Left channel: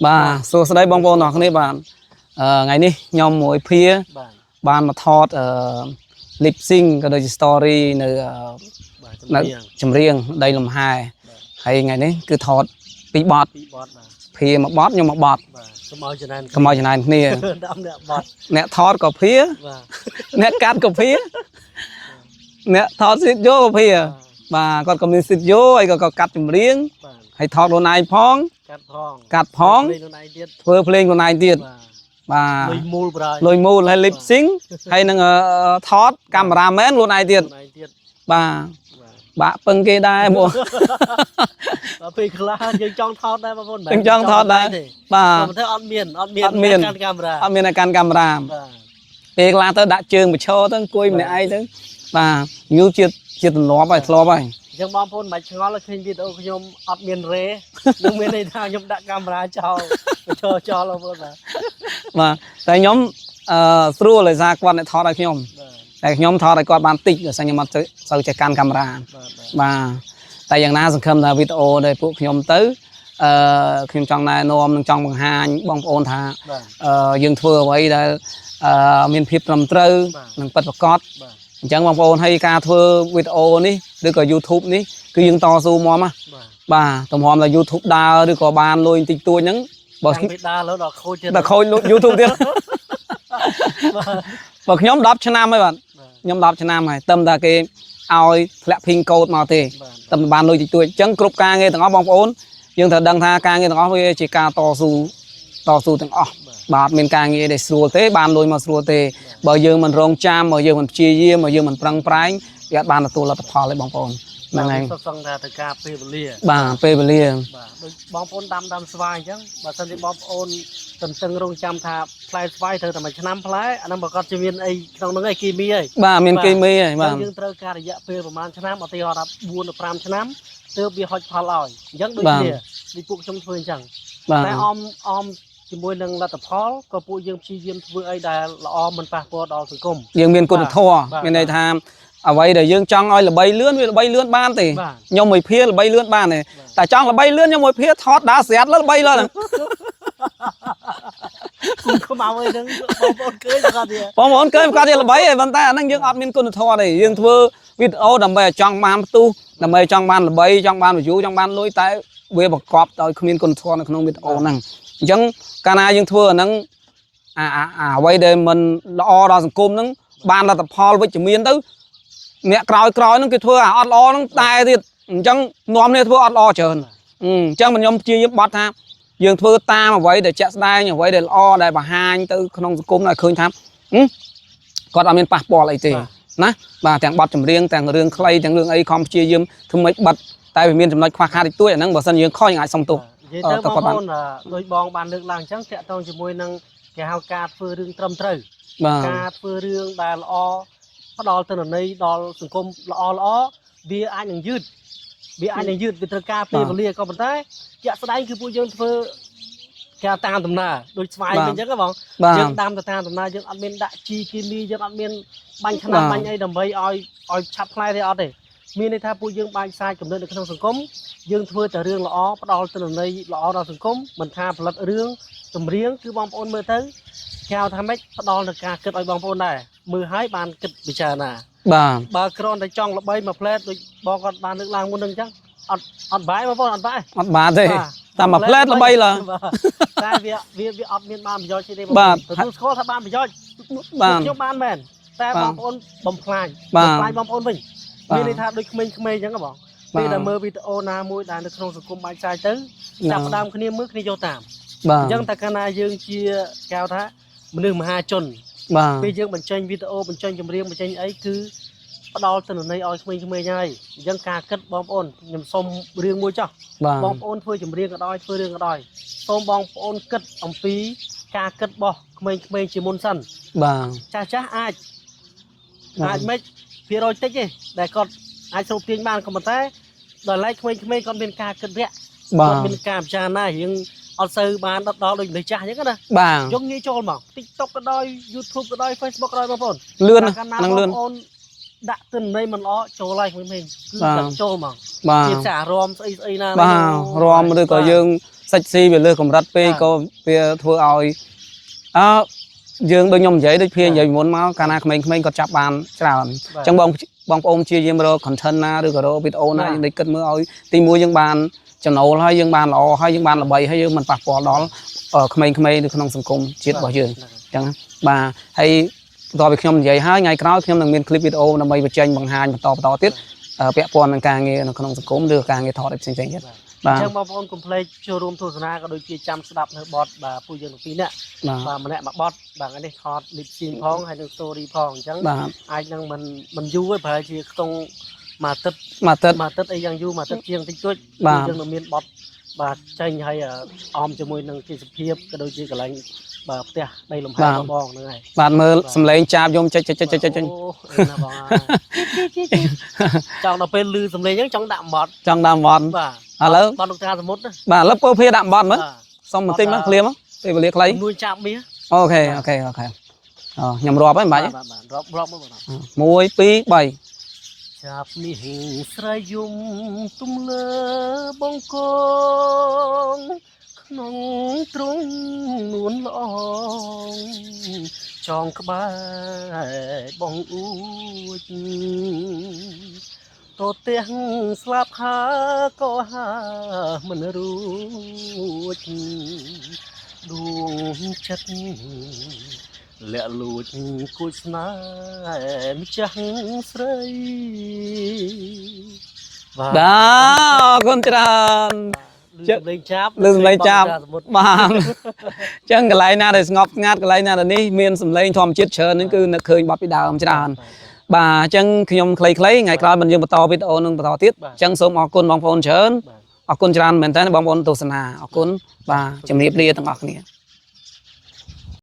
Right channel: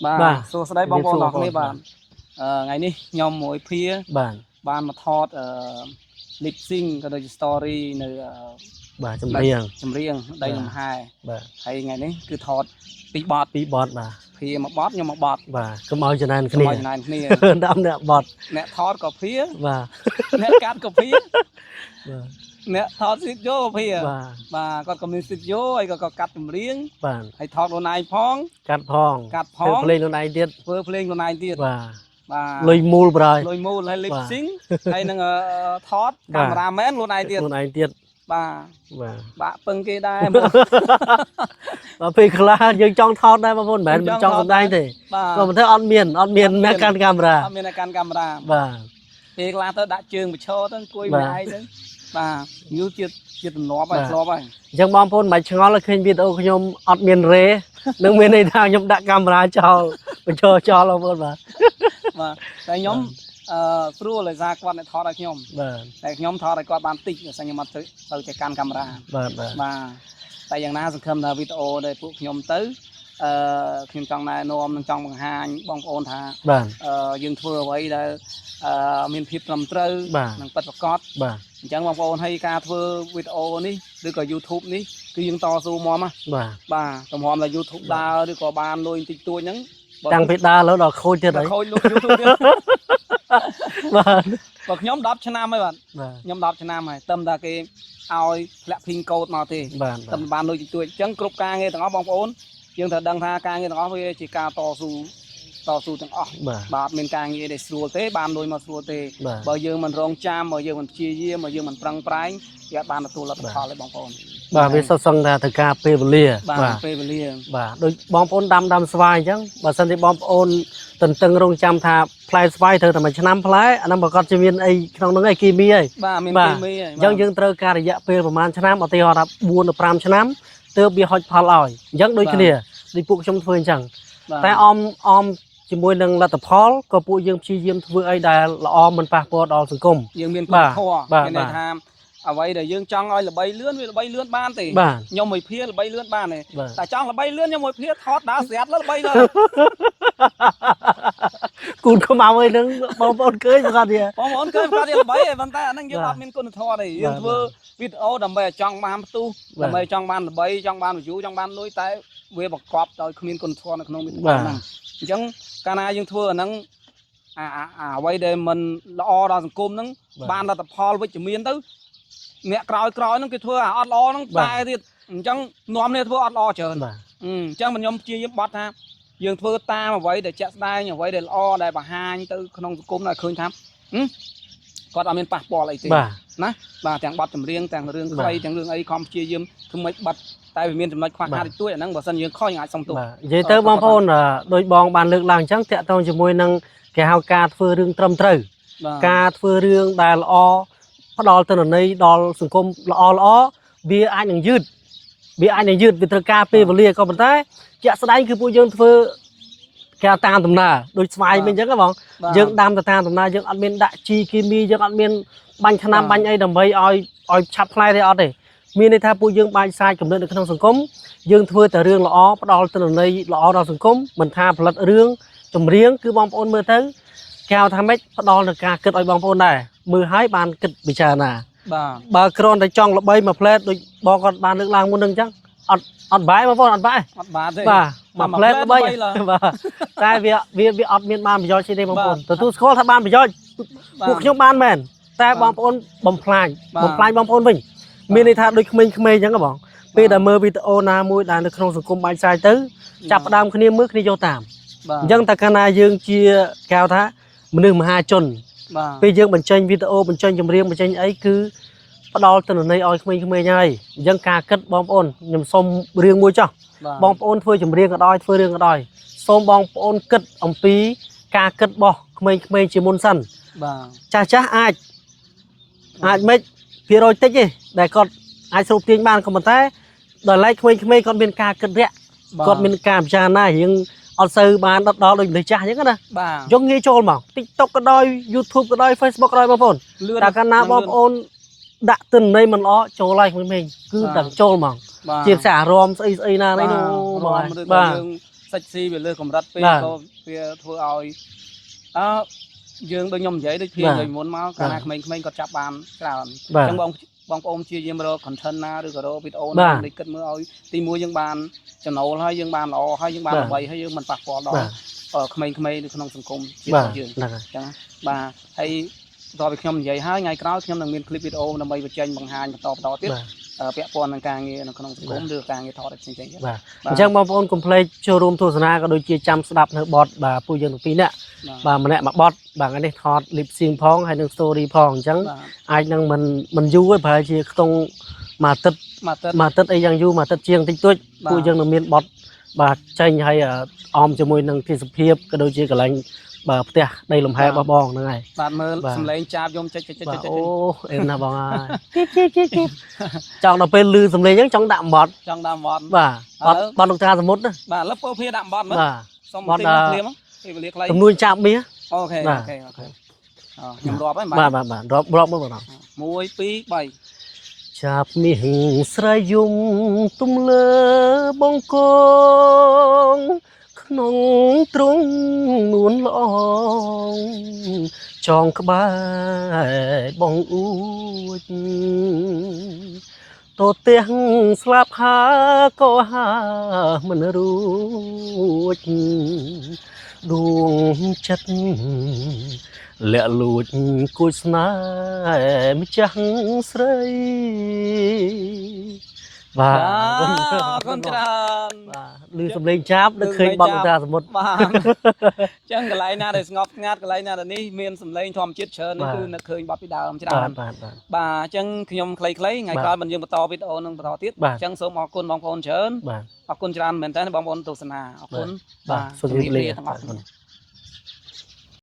bà số đây bong bóng nó này bạn ngày ní nhom mỗi phía bạn mà thọt lip sync cái đôi story nơi chấm riêng đây làm hai hay ngày ní cứ thọt bị bọt bà phía mà bọt nhưng mà bọt bà có màu cho nên nè đâm nè bọt nè thọt có phía nè cắt có phía nè thọt xịt vô có phía bà còn mình xịt vô hay có cắt chấm riêng hay thọt đồ này phong cắt phong lên con này tiết vừa lên con này tiết bà lôi mù hay lip sync hay năng thọt cameraman luôn này tiết bà bưng cái đai bộ bà phi khla dương trong thọt đây mà vốn bạn trong thọt đây thì bà mình thấy on miền can camera bà phi khla tới đã trường mà cho tới cuối mình ai tới bà như chưa lo bài dân bom phun mày ngó là khi video của nhom on miền rê nâng miền này thang nhom đã camera cho lo vốn mà tại nhóm thua lại ra quan lại thọ đại nhóm đại nhóm thọ đại quan ban tịch rồi sang nhóm mặt sau chạy can camera mà tạiอย่างน่าสำคัญlà video đây phụ nhóm tới khi trong này nôm trong bằng hai bong ôn thà dương thưa vậy là miền phiệp làm trâu mình bắt vào cót chẳng bong ôn hay ca thưa video ní được có YouTube ní cứ dương to su mò mà bà tầm hòm là YouTube đa được có ban luôn tịch tôi nhấn đang bị đaแล้วđọc khôi chưa đọc khôi YouTubeទៀតvà nhóm đọc cho nam mấy bạn nhóm đọc cho nam này tâm là cái ao lẹ pin code màu thì tâm ban nuôi tôi chẳng cướp ca nghe thằng ó bong ôn nhưng thật đăng tha ca nghe thằng ó chỉ ca to su thằng ó bạt mình ca nghe để sửa thế ban nuôi mà sửa thế bao giờ mình rong cham bao giờ mình chia chia bao giờ mình prang prang gạt ban là tôi là tập lấy bong ôn bà biết sao xong ra từ ca phê lia bà đôi bom ôn đâm xoay chứ bà sân thì bom ôn từng rong cham thà play xoay thôi mà năm play anh em bà con chơi viên ấy trong nước ấy kia mi ấy bà miền kia mi ấy dân dân trơ ca để dạ phêประมาณnăm ở tây họ đã buôn được 5 năm từ bị họ phá lòi dân đôi kia đi phụ trong phơi chẳngแต่อมជាមួយនឹងលទ្ធផលក៏ពួកយើងព្យាយាមធ្វើអីដែលល្អមិនប៉ះពាល់ដល់សង្គមយើងមានគុណធម៌មានន័យថាអ្វីដែលយើងចង់ឲ្យល្បីលឿនវាល្បីលឿនបានទេខ្ញុំមួយភាល្បីលឿនបានទេតែចង់ល្បីលឿនខ្ញុំមួយភាថតដើរស្រាត់ល្បីលឿនគូនខ្មៅអីហ្នឹងបងប្អូនឃើញគាត់ទៀតបងប្អូនឃើញគាត់ទៀតល្បីហើយប៉ុន្តែអាហ្នឹងយើងអត់មានគុណធម៌ទេយើងធ្វើវីដេអូដើម្បីឲ្យចង់បានផ្ទុះដើម្បីចង់បានល្បីចង់បាន view ចង់បានលុយតែវាបង្កប់ដោយគ្មានគុណធម៌នៅក្នុងវីដេអូហ្នឹងអញ្ចឹងកាលណាយើងធ្វើអាហ្នឹងអ្វីដែលមិនល្អដល់សង្គមហ្នឹងបានលទ្ធផលវិជ្ជមានទៅអ្នកក្រោយហ្នឹងគេធ្វើអាអត់ល្អហ្នឹងតែទៀតអញ្ចឹងនាំគ្នាធ្វើអត់ល្អច្រើនអញ្ចឹងខ្ញុំព្យាយាមបត់ថាយើងធ្វើតាមអ្វីដែលជាក់ស្ដែងអ្វីដែលល្អដែលបង្ហាញទៅក្នុងសង្គមឲ្យឃើញថាគាត់អត់មានប៉ះពាល់អីទេណាបាទទាំងបត់ចម្រៀងទាំងរឿងខ្លីទាំងរឿងអីខំព្យាយាមធ្វើម៉េចបិទតែវាមានចំណុចខ្វះខាតតិចតួចអាហ្នឹងបើសិនយើងខុសយើងអាចសុំទោសនិយាយទៅបងប្អូនដោយបងបានលើកឡើងអញ្ចឹងតាក់ទងជាមួយនឹងគេហៅការធ្វើរឿងត្រឹមត្រូវការធ្វើរឿងដែលល្អផ្ដល់ទិន្នន័យដល់សង្គមល្អវាអាចនឹងយឺតវាត្រូវការពេលវេលាក៏ប៉ុន្តែជាក់ស្ដែងគឺពួកយើងធ្វើគេតាមដំណើរដូចស្វាយវិញអញ្ចឹងបងយើងដាំទៅតាមដំណើរយើងអត់មានដាក់ជីគីមីយើងអត់មានបាញ់ថ្នាំបាញ់អីដើម្បីឲ្យឆាប់ផ្លែទេអត់ទេមានន័យថាពួកយើងបាញ់សាយកំណត់នៅក្នុងសង្គមយើងធ្វើតែរឿងល្អផ្ដល់ទិន្នន័យល្អដល់សង្គមមិនថាផលិតរឿងចម្រៀងគឺបងប្អូនមើលទៅគេហៅថាម៉េចផ្ដល់នឹងការគិតឲ្យបងប្អូនដែរមើលឲ្យបានគិតពិចារណាបើគ្រាន់តែចង់ល្បីមួយផ្លែតដូចបងគាត់បានលើកឡើងមុននឹងអញ្ចឹងអត់បាយបងប្អូនអត់បានទេតែមួយផ្លែតល្បីឡើយតែវាអត់មានបានប្រយោជន៍ទេបងប្អូនទទួលស្គាល់ថាបានប្រយោជន៍ពួកខ្ញុំបានមែនតែបងប្អូនបំផ្លាញបងប្អូនវិញមានន័យថាដូចក្មេងៗអញ្ចឹងបងពេលដែលមើលវីដេអូណាមួយដែលនៅក្នុងសង្គមបាញ់សាយទៅចាប់ផ្ដើមគ្នាមើលគ្នាយកតាមអញ្ចឹងតែកាលណាយើងជាកៅថាមនុស្សមហាជនពេលយើងបញ្ចេញវីដេអូបញ្ចេញចម្រៀងបញ្ចេញអីគឺផ្ដល់ទិន្នន័យឲ្យក្មេងៗហើយអញ្ចឹងការគិតបងប្អូនខ្ញុំសុំរឿងមួយចោះបងប្អូនធ្វើចម្រៀងក៏ដោយធ្វើរឿងក៏ដោយសូមបងប្អូនគិតអំពីការគិតរបស់ក្មេងៗជាមុនសិនចាស់អាចមិនភាគរយតិចទេដែលគាត់អាចស្រូបទាញបានក៏ប៉ុន្តែដល់ឡែកក្មេងៗគាត់មានការគិតរាក់គាត់មានការពិចារណារឿងអត់សូវបានដុតដល់ដូចមនុស្សចាស់អញ្ចឹងណាយកងាយចូលមក TikTok ក៏ដោយ YouTube ក៏ដោយ Facebook ក៏ដោយបងប្អូនលឿនកាលណាបងប្អូនដាក់ទិន្នន័យមិនល្អចូលហើយក្មេងៗគឺតែចូលមកជាភាសារមស្អីណារមឬក៏យើង សាច់ស៊ីវាលើកម្រិតពេកក៏វាធ្វើឲ្យយើងដូចខ្ញុំនិយាយដូចភៀនិយាយមុនមកកាលណាក្មេងៗគាត់ចាប់បានច្រើនអញ្ចឹងបងប្អូនជាយាមរក content ណាឬក៏រកវីដេអូណាដែលគិតមើលឲ្យទីមួយយើងបានចំណូលហើយយើងបានល្អហើយយើងបានល្បីហើយយើងមិនប៉ះពាល់ដល់ក្មេងៗនៅក្នុងសង្គមជាតិរបស់យើងអញ្ចឹងបាទហើយបន្ទាប់ពីខ្ញុំនិយាយហើយថ្ងៃក្រោយខ្ញុំនឹងមានคลิปវីដេអូដើម្បីបញ្ចេញបង្ហាញបន្តទៀតពាក់ព័ន្ធនឹងការងារនៅក្នុងសង្គមឬការងារថតផ្សេងៗទៀតបាទអញ្ចឹងបងប្អូនកុំភ្លេចចូលរួមទស្សនាក៏ដូចជាចាំស្ដាប់នៅបទបាទពួកយើងទាំងពីរនាក់បាទម្នាក់មួយបទបាទថ្ងៃនេះថត lip sync ផងហើយនឹង story ផងអញ្ចឹងអាចនឹងមិនយូរទេប្រហែលជាខ្ទង់មួយអាទិត្យអីយ៉ាងយូរមួយអាទិត្យជាងតិចតួចពួកយើងនឹងមានបទបាទចេញហើយអមជាមួយនឹងទេសភាពក៏ដូចជាកន្លែងបាទផ្ទះដីលំហែរបស់បងហ្នឹងហើយបាទមើលសំឡេងចាបយំចុចអូអេណាបងអើយចង់ដល់ពេលលឺសំឡេងអញ្ចឹងចង់ដាក់បត់បាទឥឡូវបត់លោកតាសមុទ្របាទឥឡូវពោភាដាក់បត់មើលសុំបន្តិចមកឃ្លាមពេលវេលាខ្លីនួនចាប់មាសអូខេខ្ញុំរាប់ហើយបាទរាប់មើលបង1 2 3ចាប់មាសស្រ័យយំទំលើបងកងក្នុងទ្រង់នួនល្អចងក្បែរបងអួចតទាំងស្លាប់ហាក៏ហាមិនរួចដួងចិត្តលាក់លួចគួចស្នេហ៍ម្ចាស់ស្រីបាទអរគុណច្រើនលឺសំឡេងចាប់លឺសំឡេងចាប់បាទអញ្ចឹងកន្លែងណាដែលស្ងប់ស្ងាត់កន្លែងណាដែលនេះមានសំឡេងធម្មជាតិច្រើនហ្នឹងគឺនឹកឃើញបទពីដើមច្រើនបាទអញ្ចឹងខ្ញុំខ្លីៗថ្ងៃក្រោយមិនយើងបន្តវីដេអូនឹងបន្តទៀតអញ្ចឹងសូមអរគុណបងប្អូនច្រើនអរគុណច្រើនមែនតើបងប្អូនទស្សនាអរគុណបាទជំរាបលាទាំងអស់គ្នា